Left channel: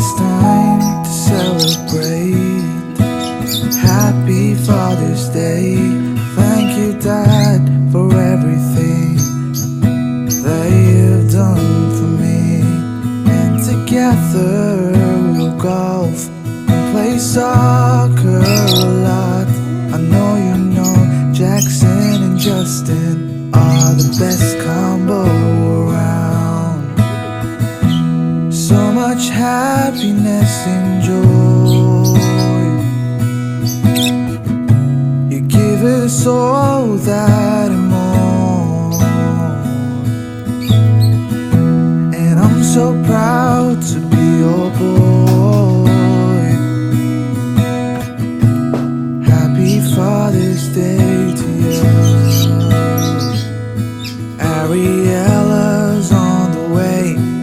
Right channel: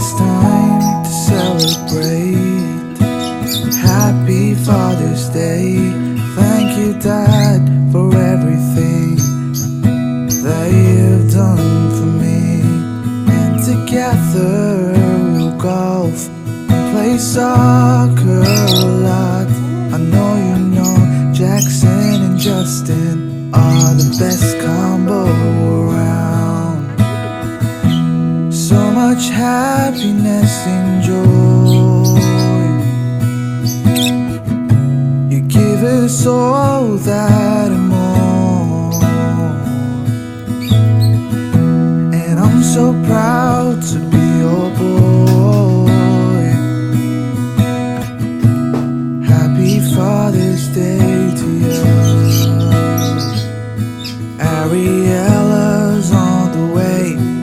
it's time to celebrate. Happy Father's Day. Thank you, Dad, for everything that you've done for me. And together we'll golf and play soccer a lot. I know you know Jackson and Justin are the best combo around. So much happiness and joy. You give us all that and more. And I'm so proud to be your boy. Happy Father's Day to you. Ariella's on the way.